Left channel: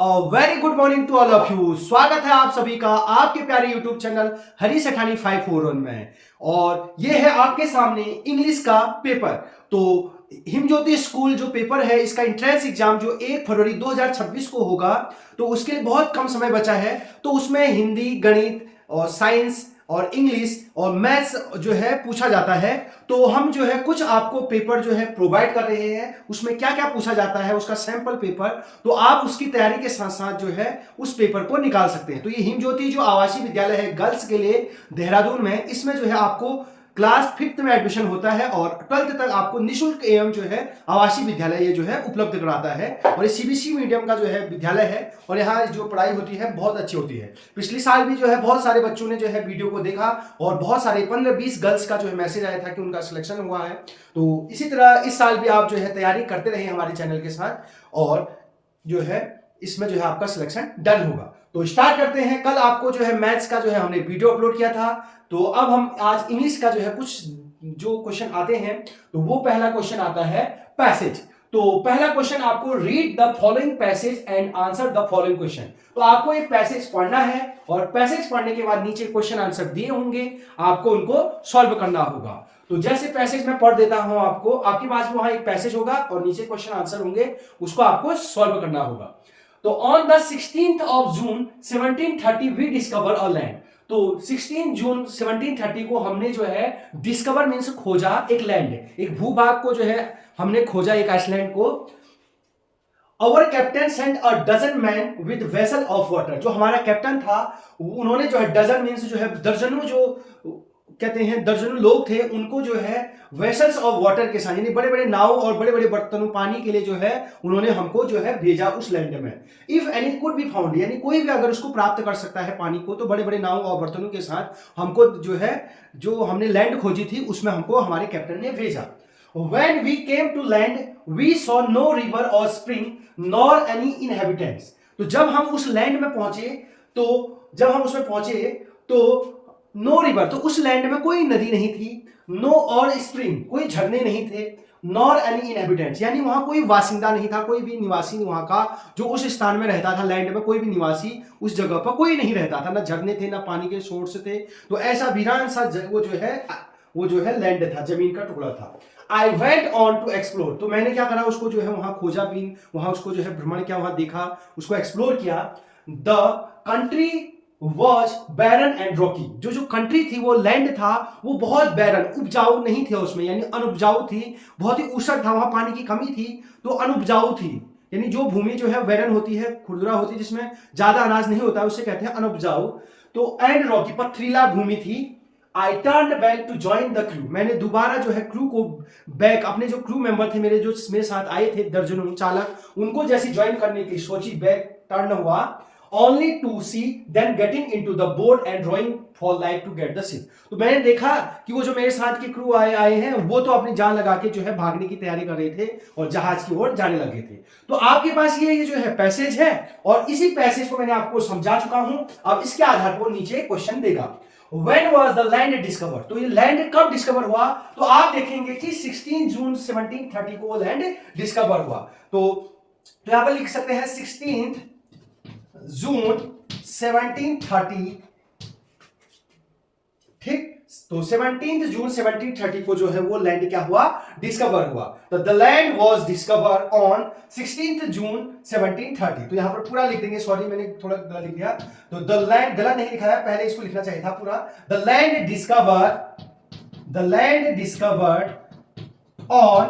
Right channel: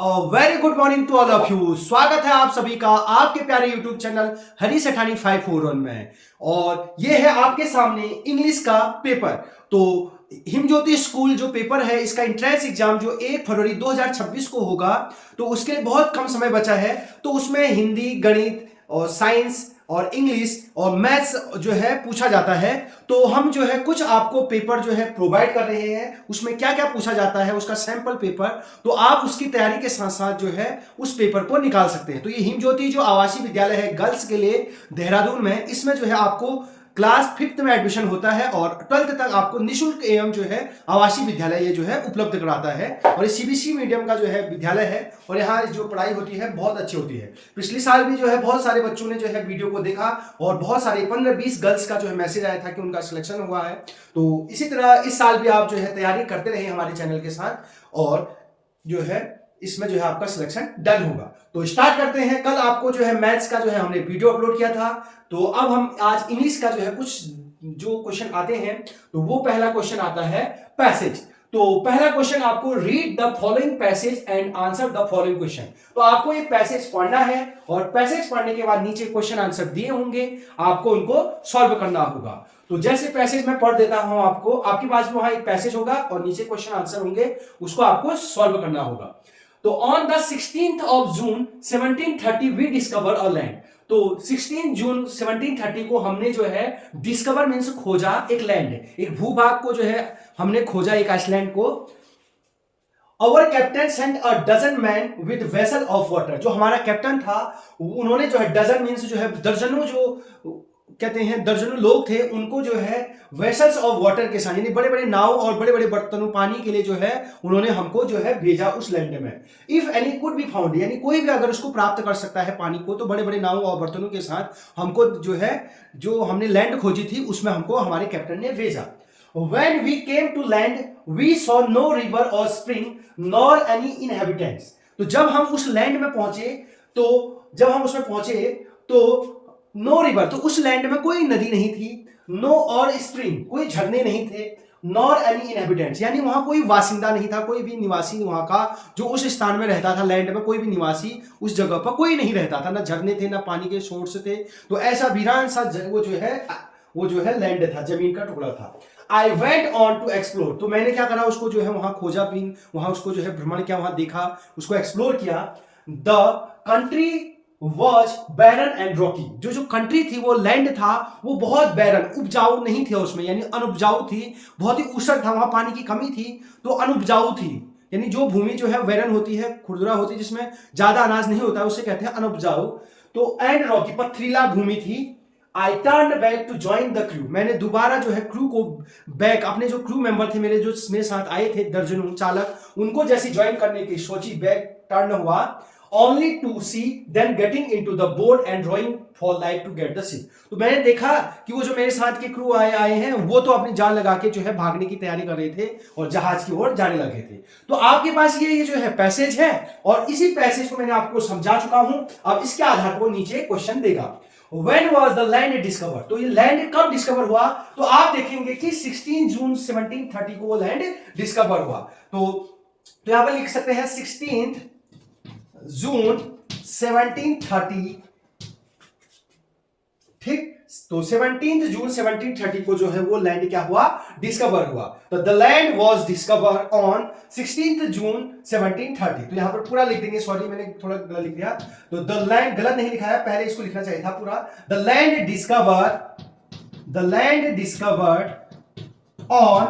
Very good morning to all of you. स्वागत है आप सभी का आपके प्यारे यूट्यूब चैनल हरी सेठानी 541 में। और ये है आपके सामने इंग्लिश का पेपर। तो हिमज्योति स्कूल जो पेपर है इसका एंट्रेंस एग्जाम जो 1 फरवरी 2026 को होगा, तो उसके लिए बहुत कम समय बचा है। तो उसमें हिंदी, गणित और साइंस और इंग्लिश और मैथ्स जो है पूछा जाता है। तो हम जो है कुछ आपको पेपर जो है प्रोवाइड कर रहे हैं, उसमें क्या क्या पूछा जाता है उसका सैंपल पेपर। तो आप उसकी तैयारी के साथ साथ जो है उस पेपर को निकाल सकते हैं। तो ये हिमज्योति जो आवासीय विद्यालय है गर्ल्स के लिए देहरादून में, इसमें जो है आपको क्लास 5th में एडमिशन होता है और 12th तक आपको निःशुल्क एवं जो है आवासीय विद्यालय ये जो है उपलब्ध कराता है। और ये सीबीएसई मीडियम का जो है विद्यालय है और यहाँ जो पढ़ाई होती है बहुत अच्छी होती है। पिछले साल भी जो है बहुत सारे बच्चों ने जो है वीडियो को देखा और बहुत सारे 15-20 गर्ल्स का जो है मैसेज आया था कि उनका सिलेक्शन हुआ है। तो इसी तरह इस साल भी आप जो है तैयारी करते रहिए हमारे चैनल के साथ और जो है इसमें जो है आपका सिलेक्शन डन होगा। तो स्टार्ट करते हैं। कल आपको जो है मैथ्स का जो है हमने वीडियो अपलोड किया था। तो अब हम आज इंग्लिश का जो है कुछ जो क्वेश्चन आते हैं, तो वो पहला क्वेश्चन आता है पैसेज। तो पहला क्वेश्चन आपको read the following passage and answer the following question. तो आपको एक पैसेज पढ़ना है और पैसेज पढ़ने के बाद नीचे क्वेश्चन आंसर दिए होंगे, आपको उनको सॉल्व करना होगा। तो जैसे पैसेज मैं पढ़ देता हूं, आपको आपके पास वहां एक पैसेज होगा और नीचे क्वेश्चन आंसर होंगे, उसको आपको सॉल्व करना होगा। तो on the 16th of June 1730 we discover a land. तो 16 जून 1730 को हमने जो है डिस्कवर मींस खोजा एक लैंड, एक भूभाग को जो है हमने खोजा, एक आइसलैंड को। Our captain sent a dozen man with vessel of water. जो हमारा कैप्टन था उन्होंने जो है डजन मींस जो है दर्जनों, जो कहते हैं दर्जनों लोग थे, उनको जो है वेसल्स ऑफ वाटर के साथ यानी बड़े बड़े नाव और बड़े बड़े बर्तनों पानी के लिए जो है उन्होंने हमको जो है भेजा उस लैंड में। If any could be found, यानी कोई भी अगर उसको प्राप्त कर सकता है पानी को, तो बड़े बड़े नाव और बर्तनों के साथ हमको जो है जो हमने लैंड खोजी थी उसमें हमको हमारे कैप्टन ने भेजा। When we came to land, we saw no river or spring nor any inhabitants। तो जब हम उस लैंड में पहुंचे, तो जब हम उसमें पहुंचे तो नो रिवर, तो उस लैंड में कोई नदी नहीं थी, नो और स्प्रिंग, कोई झरने नहीं थे, नॉर एनी इनहेबिटेंट्स, यानी वहां कोई वासिंदा नहीं था, कोई भी निवासी वहां का जो उस स्थान में रहता था लैंड में, कोई भी निवासी उस जगह पर कोई नहीं रहता था, ना झरने थे ना पानी के सोर्स थे। तो ऐसा वीरान सा वो जो है लैंड था, जमीन का टुकड़ा था। I went on to explore, तो मैंने क्या करा, उसको जो है वहां खोजा भी, वहां उसको जो है भ्रमण किया, वहां देखा, उसको एक्सप्लोर किया। The country was barren and rocky. जो जो कंट्री थी, वो लैंड था, वो बहुत बैरन, उपजाऊ नहीं थे उसमें, यानी अनुपजाऊ थी, बहुत ही ऊसर था, वहां पानी की कमी थी, तो अनुपजाऊ थी। यानी जो भूमि जो है बैरन होती है, खुरदुरा होती है, जिसमें ज्यादा अनाज नहीं होता, उसे कहते हैं अनुपजाऊ। तो एंड रॉकी, पथरीला भूमि थी। I turn back to join the crew, मैंने दोबारा जो है क्रू को बैक, अपने जो क्रू मेंबर थे मेरे, जो मेरे साथ आए थे दर्जनों चालक, उनको जैसे ज्वाइन करने की सोची, बैक टर्न हुआ। Only to see then getting into the boat and rowing for like to get the ship. तो मैंने देखा कि वो जो मेरे साथ के क्रू आए हैं, वो तो अपनी जान लगा के जो है भागने की तैयारी कर रहे थे और जहाज की ओर जाने लगे थे। तो आपके पास ये जो है पैसेज है और इसी पैसेज को मैंने आपको समझा चुका हूं। अब इसके आधार पर नीचे क्वेश्चन देगा, When was the land discovered? तो ये लैंड कब डिस्कवर हुआ? तो आप देखेंगे कि 16 जून 1730 को वो लैंड डिस्कवर हुआ। तो यहां पर लिख सकते हैं 16 जून 1730, ठीक। तो 17 जून 1730 को जो है वो लैंड क्या हुआ, डिस्कवर हुआ। तो the land was discover on 16 जून 1730। तो यहां पर पूरा लिख देंगे, सॉरी मैंने थोड़ा गलत लिख दिया। तो द लैंड गलत नहीं लिखा है, पहले इसको लिखना चाहिए था पूरा। द लैंड डिस्कवर्ड ऑन,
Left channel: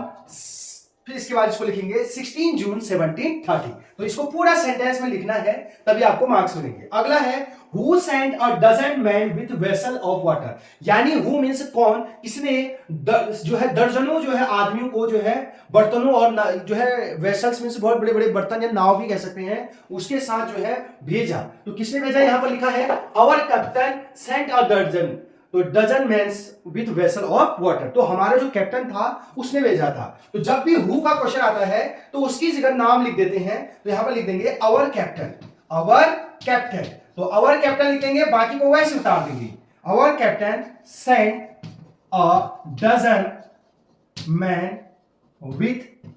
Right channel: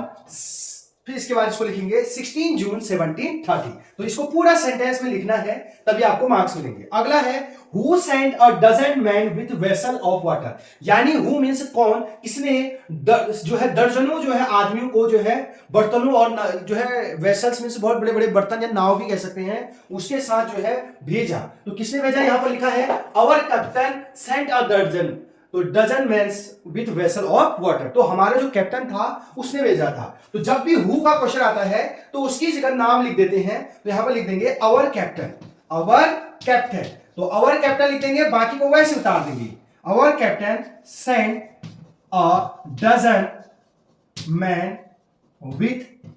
फिर इसके बाद इसको लिखेंगे 16 जून 1730। तो इसको पूरा सेंटेंस में लिखना है, तभी आपको मार्क्स मिलेंगे। अगला है who sent a dozen man with vessel of water, यानी हु मींस कौन, किसने जो है दर्जनों जो है आदमियों को जो है बर्तनों और जो है वेसल्स मींस बहुत बड़े बड़े बर्तन या नाव भी कह सकते हैं, उसके साथ जो है भेजा। तो किसने भेजा, यहां पर लिखा है our captain sent a dozen, तो dozen mans with vessel of water. तो हमारा जो कैप्टन था उसने भेजा था। तो जब भी हु का क्वेश्चन आता है तो उसकी जगह नाम लिख देते हैं। तो यहां पर लिख देंगे आवर कैप्टन, आवर कैप्टन। तो आवर कैप्टन लिख देंगे, बाकी को वैसे उतार देंगे। Our captain sent a dozen man with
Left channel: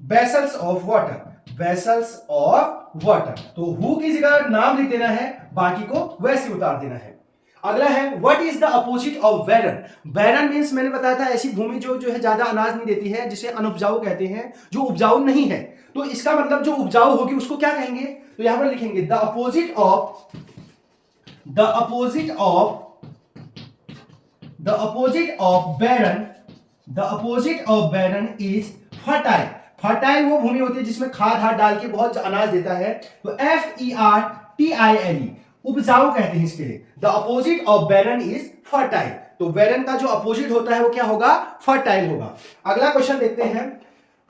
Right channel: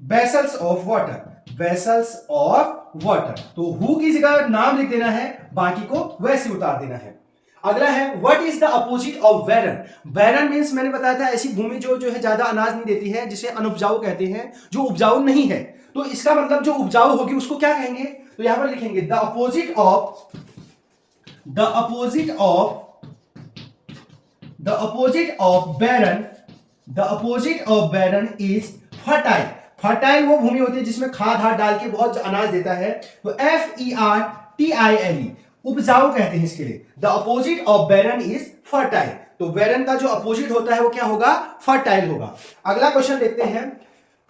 vessels of water. Vessels of water. तो हु की जगह नाम लिख देना है, बाकी को वैसे उतार देना है। अगला है what is the opposite of barren. Barren means मैंने बताया था ऐसी भूमि जो है ज्यादा अनाज नहीं देती है, जिसे अनउपजाऊ कहते हैं, जो उपजाऊ नहीं है। तो इसका मतलब जो उपजाऊ होगी उसको क्या कहेंगे, तो यहां पर लिखेंगे the opposite of barren is fertile. Fertile वो भूमि होती है जिसमें खाद हाथ डाल के बहुत अनाज देता है। तो FERTILE उपजाऊ कहते हैं इसके लिए। The opposite of barren is fertile. तो बैरन का जो अपोजिट होता है वो क्या होगा, फर्टाइल होगा। अगला क्वेश्चन देखते हैं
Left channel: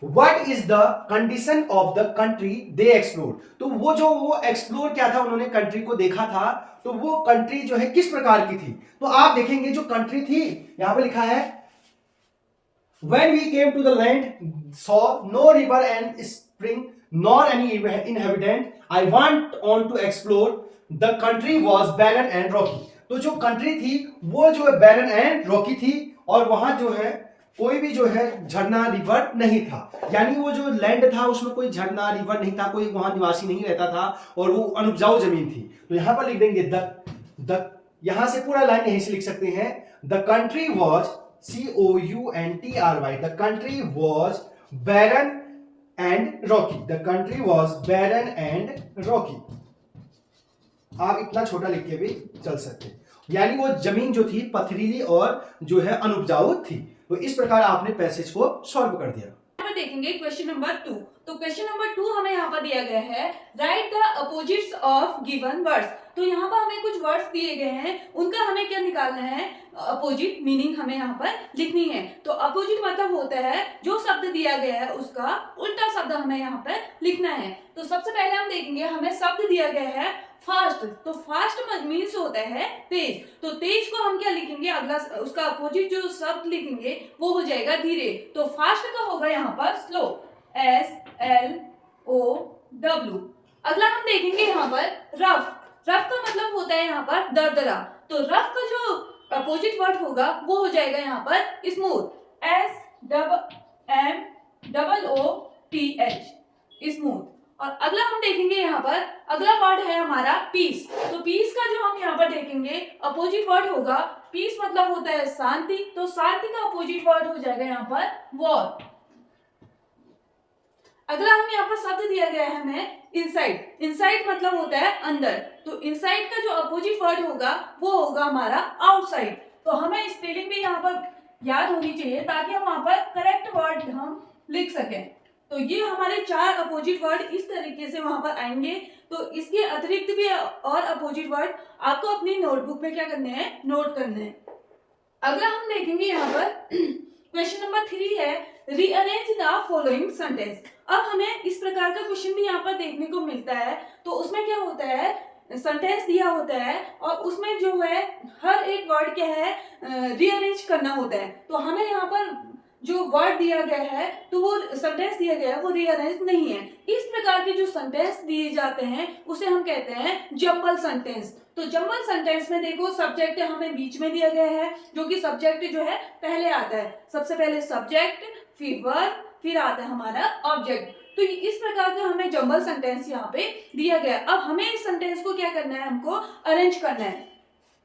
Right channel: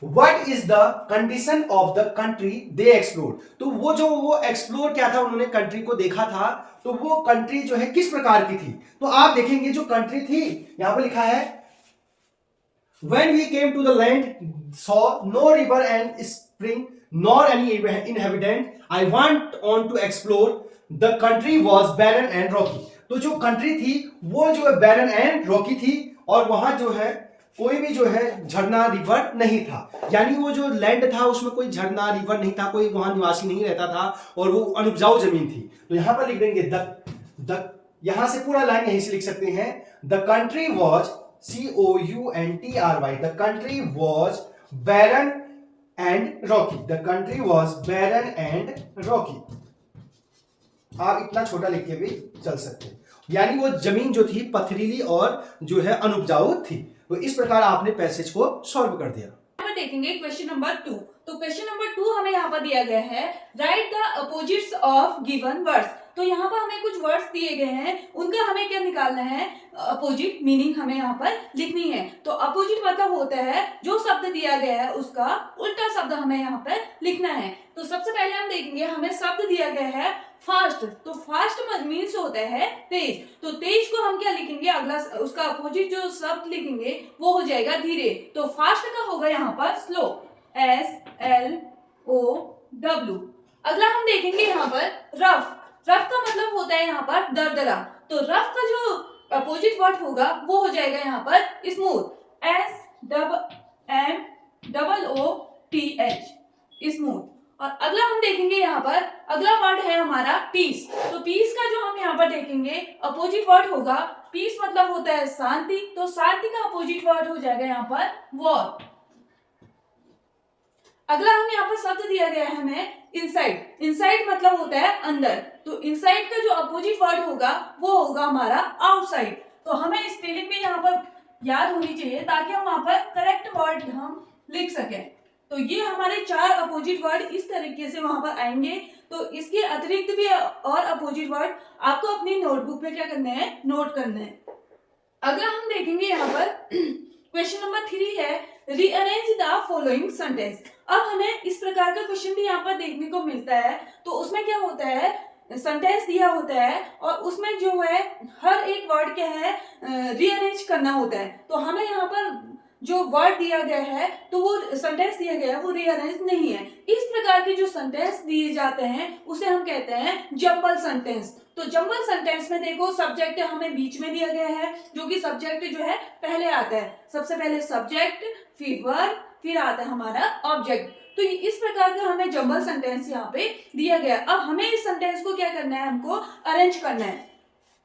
What is the condition of the country they explored। तो वो एक्सप्लोर क्या था, उन्होंने कंट्री को देखा था, तो वो कंट्री जो है किस प्रकार की थी। तो आप देखेंगे जो कंट्री थी यहां पर लिखा है When we came to the land, saw no river and spring, nor any inhabitant. I want on to explore. The country was barren and rocky. तो जो कंट्री थी वो जो है barren and rocky थी, और वहां जो है कोई भी जो है झरना रिवर नहीं था। यानी वो जो लैंड था उसमें कोई झरना रिवर नहीं था, कोई वहां निवासी नहीं रहता था, और वो अनउपजाऊ जमीन थी। तो यहां पर लिख देंगे द यहां से पूरा लाइन यहीं से लिख सकते हैं the country was COUNTRY, the country was barren and rocky. The country was barren and rocky. आप इतना छोटा लिख के भी चल सकते हैं, यानी वो जमीन जो थी पथरीली और जो है अनउपजाऊ थी। तो इस प्रकार आपने पैसेज को सॉल्व कर दिया। यहाँ पर देखेंगे क्वेश्चन नंबर 2। तो क्वेश्चन नंबर 2 हमें यहाँ पर दिया गया है right the opposites of given words. तो यहाँ पर हमें कुछ वर्ड्स दिए गए हैं, उनका हमें क्या निकालना है, अपोजिट मीनिंग हमें यहाँ पर लिखनी है। तो अपोजिट मतलब होता है जो शब्द दिया गया है उसका उल्टा शब्द हमें यहाँ पर लिखना है। तो सबसे पहले हम देखेंगे हमें शब्द दिया गया है फास्ट। तो फास्ट मीन्स होता है तेज। तो तेज को हम क्या लिखेंगे, अगला उसका अपोजिट जो शब्द लिखेंगे वो हो जाएगा धीरे। तो फास्ट का होगा यहाँ पर स्लो, SLOW। अगला हम देखेंगे यहाँ पर रफ। रफ का मतलब होता है यहाँ पर दरदरा। तो रफ का जो अपोजिट वर्ड होगा वो हो जाएगा यहाँ पर स्मूथ, SMOOTH, स्मूथ। और अगला हम देखेंगे यहाँ पर अगला वर्ड है हमारा पीस। तो पीस का जो हम यहाँ पर देखेंगे अपोजिट वर्ड होगा, पीस मतलब होता है शांति। तो शांति का अपोजिट वर्ड हो जाएगा यहाँ पर वॉर। अगला हम यहाँ पर शब्द दिया गया है हमें इनसाइड। इनसाइड मतलब होता है अंदर। तो इनसाइड का जो अपोजिट वर्ड होगा वो होगा हमारा आउटसाइड। तो हमें स्पेलिंग भी यहाँ पर याद होनी चाहिए ताकि हम वहां पर करेक्ट वर्ड हम लिख सकें। तो ये हमारे 4 अपोजिट वर्ड इस तरीके से वहां पर आएंगे। तो इसके अतिरिक्त भी और अपोजिट वर्ड आपको अपनी नोटबुक में क्या करने हैं, नोट करने हैं। अगर हम देखेंगे यहाँ पर क्वेश्चन नंबर 3 है रीअरेंज द फॉलोइंग सेंटेंस। अब हमें इस प्रकार का क्वेश्चन भी यहाँ पर देखने को मिलता है। तो उसमें क्या होता है, सेंटेंस दिया होता है और उसमें जो है हर एक वर्ड क्या है रीअरेंज करना होता है। तो हमें यहाँ पर जो वर्ड दिया गया है तो वो सेंटेंस दिया गया है वो रीअरेंज नहीं है। इस प्रकार के जो सेंटेंस दिए जाते हैं उसे हम कहते हैं जंबल सेंटेंस। तो जंबल सेंटेंस में देखो सब्जेक्ट हमें बीच में दिया गया है, जो कि सब्जेक्ट जो है पहले आता है। सबसे पहले सब्जेक्ट, फिर वर्ब, फिर आता है हमारा ऑब्जेक्ट। तो इस प्रकार का हमें जंबल सेंटेंस यहाँ पे दिया गया। अब हमें इस सेंटेंस को क्या करना है, हमको अरेंज करना है।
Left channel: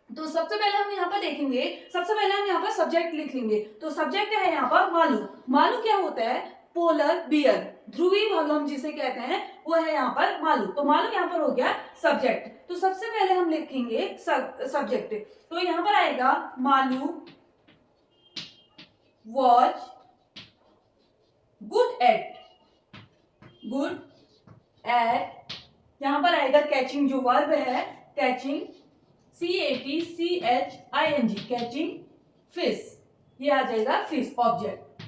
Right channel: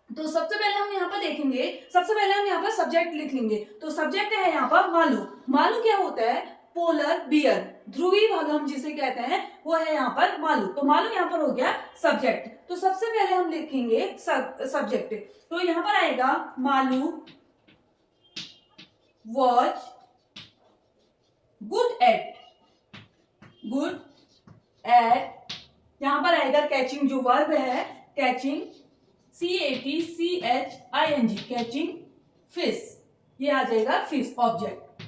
तो सबसे पहले हम यहाँ पर देखेंगे, सबसे पहले हम यहाँ पर सब्जेक्ट लिख लेंगे। तो सब्जेक्ट है यहाँ पर मालू। मालू क्या होता है, पोलर बियर, ध्रुवी भालू हम जिसे कहते हैं वो है यहाँ पर मालू। तो मालू यहाँ पर हो गया सब्जेक्ट। तो सबसे पहले हम लिखेंगे सब्जेक्ट। तो यहाँ पर आएगा Malu watch good at, good at. यहाँ पर आएगा कैचिंग, जो वर्ब है कैचिंग, CATCHING, कैचिंग फिश। ये आ जाएगा फिश, ऑब्जेक्ट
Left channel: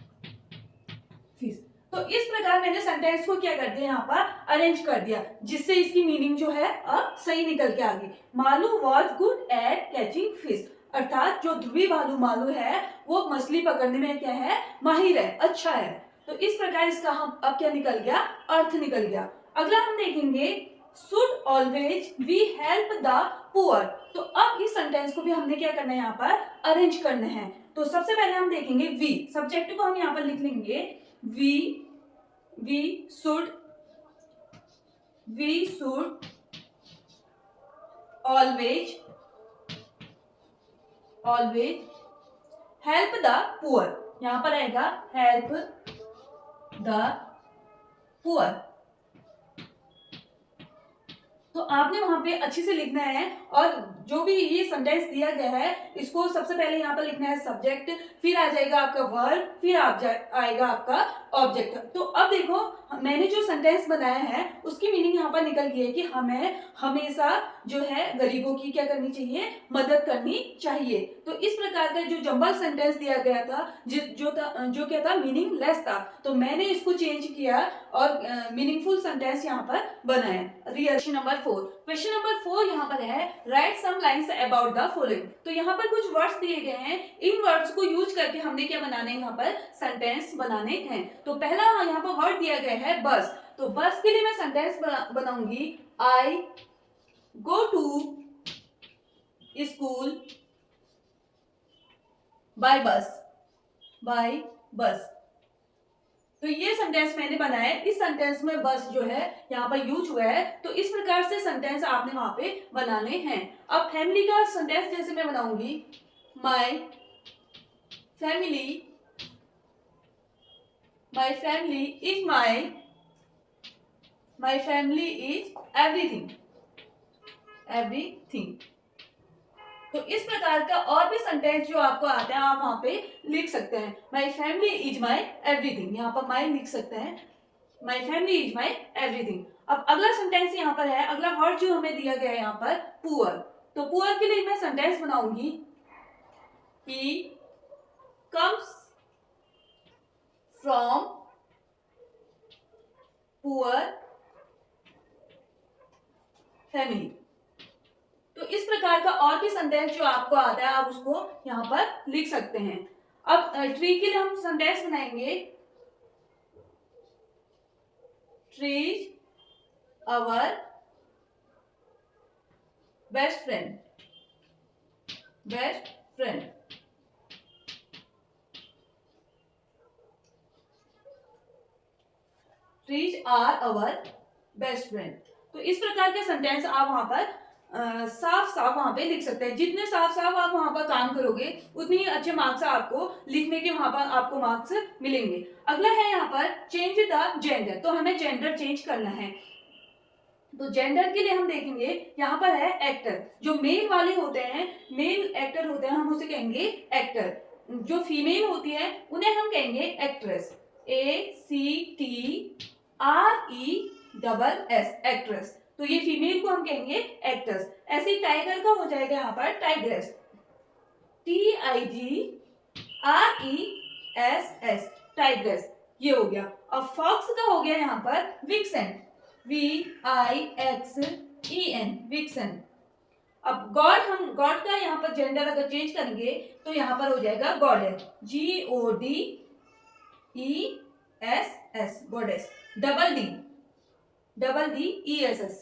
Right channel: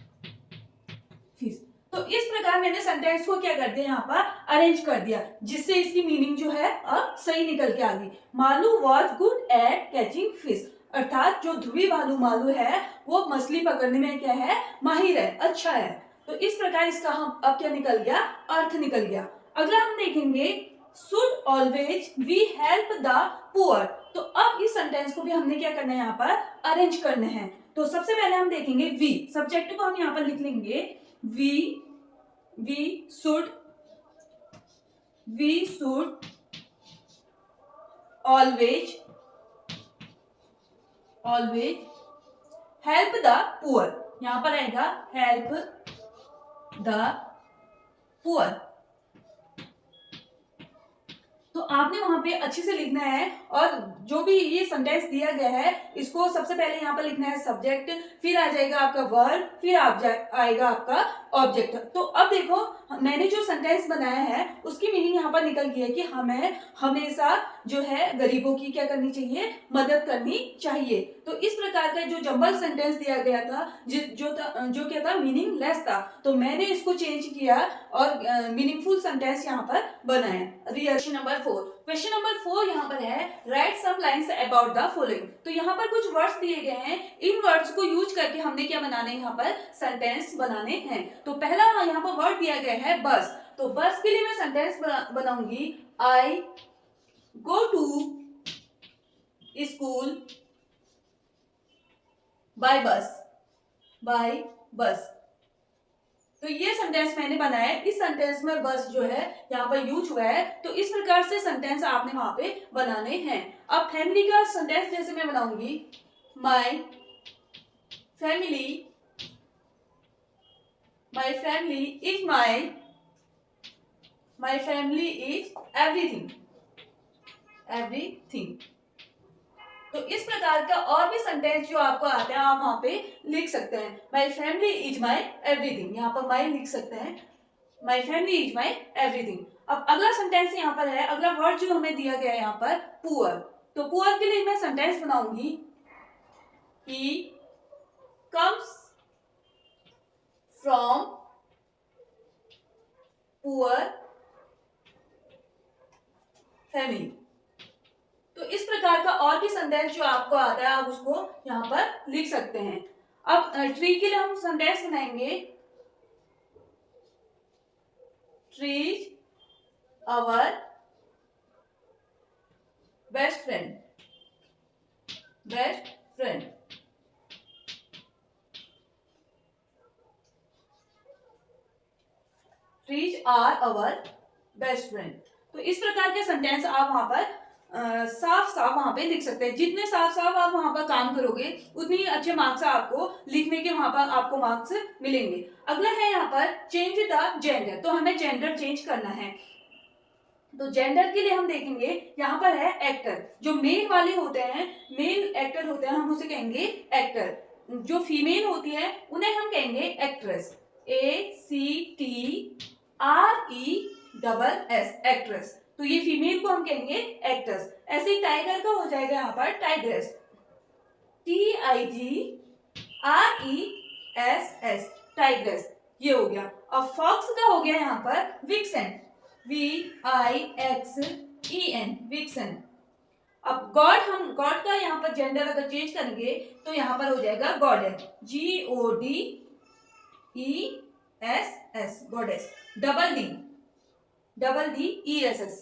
फिश। तो इस प्रकार मैंने सेंटेंस को क्या कर दिया, यहाँ पर अरेंज कर दिया, जिससे इसकी मीनिंग जो है अब सही निकल के आ गई। Malu was good at catching fish, अर्थात जो ध्रुवी भालू मालू है वो मछली पकड़ने में क्या है, माहिर है, अच्छा है। तो इस प्रकार इसका हम अब क्या निकल गया, अर्थ निकल गया। अगला हम देखेंगे should always we help the poor. तो अब इस सेंटेंस को भी हमने क्या करना है, यहाँ पर अरेंज करना है। तो सबसे पहले हम देखेंगे वी, सब्जेक्ट को हम यहाँ पर लिख लेंगे we should we should always help the poor। यहां पर आएगा help the poor। तो आपने वहां पे अच्छे से लिखना है, और जो भी ये सेंटेंस दिया गया है इसको सबसे पहले यहाँ पर लिखना है सब्जेक्ट, फिर आ जाएगा आपका वर्ब, फिर आएगा आपका ऑब्जेक्ट। तो अब देखो मैंने जो सेंटेंस बनाया है उसकी मीनिंग यहाँ पर निकल गई है कि हमें हमेशा जो है गरीबों की क्या करनी चाहिए, मदद करनी चाहिए। तो इस प्रकार का जो जंबल सेंटेंस दिया गया था जो क्या था, मीनिंगलेस था, तो मैंने इसको चेंज किया और मीनिंगफुल सेंटेंस यहाँ पर बनाया। क्वेश्चन नंबर 4 यहाँ पर है write some lines about the following. तो यहाँ पर कुछ वर्ड्स दिए गए हैं, इन वर्ड्स को यूज करके हमने क्या बनाना है, यहाँ पर सेंटेंस बनाने हैं। तो पहला यहाँ पर वर्ड दिया गया है बस। तो बस के लिए मैं सेंटेंस बनाऊंगी आई गो टू स्कूल बाय बस। तो ये सेंटेंस मैंने बनाया है, इस सेंटेंस में बस जो है यहाँ पर यूज हुआ है। तो इस प्रकार से सेंटेंस आपने वहां पे बनाने हैं। अब फैमिली का सेंटेंस जैसे मैं बनाऊंगी my family is my family is everything. तो इस प्रकार का और भी सेंटेंस जो आपको आते हैं आप वहां पे लिख सकते हैं। My family is my everything, यहाँ पर माय लिख सकते हैं, my family is my everything. अब अगला सेंटेंस यहाँ पर है, अगला वर्ड जो हमें दिया गया है यहाँ पर पुअर। तो पुअर के लिए मैं सेंटेंस बनाऊंगी he comes from poor family. तो इस प्रकार का और भी सेंटेंस जो आपको आता है आप उसको यहाँ पर लिख सकते हैं। अब ट्री के लिए हम सेंटेंस बनाएंगे trees our best friend. Trees are our best friend. तो इस प्रकार के सेंटेंस आप वहां पर साफ वहां पे लिख सकते हैं। जितने साफ आप वहां पर काम करोगे उतनी ही अच्छे मार्क्स आपको लिखने के वहां पर आपको मार्क्स मिलेंगे। अगला है यहाँ पर चेंज द जेंडर। तो हमें जेंडर चेंज करना है। तो जेंडर के लिए हम देखेंगे यहाँ पर है एक्टर। जो मेल वाले होते हैं, मेल एक्टर होते हैं, हम उसे कहेंगे एक्टर। जो फीमेल होती है उन्हें हम कहेंगे एक्ट्रेस। ACTRESS actress. तो ये फीमेल को हम कहेंगे एक्ट्रेस। ऐसे ही टाइगर का हो जाएगा यहाँ पर टाइग्रेस। TIGRESS टाइग्रेस, ये हो गया। अब फॉक्स का हो गया यहाँ पर विक्सन। VIXEN vixen. अब गॉड का यहाँ पर जेंडर अगर चेंज करेंगे तो यहाँ पर हो जाएगा goddess. GODESS goddess. Double D ESS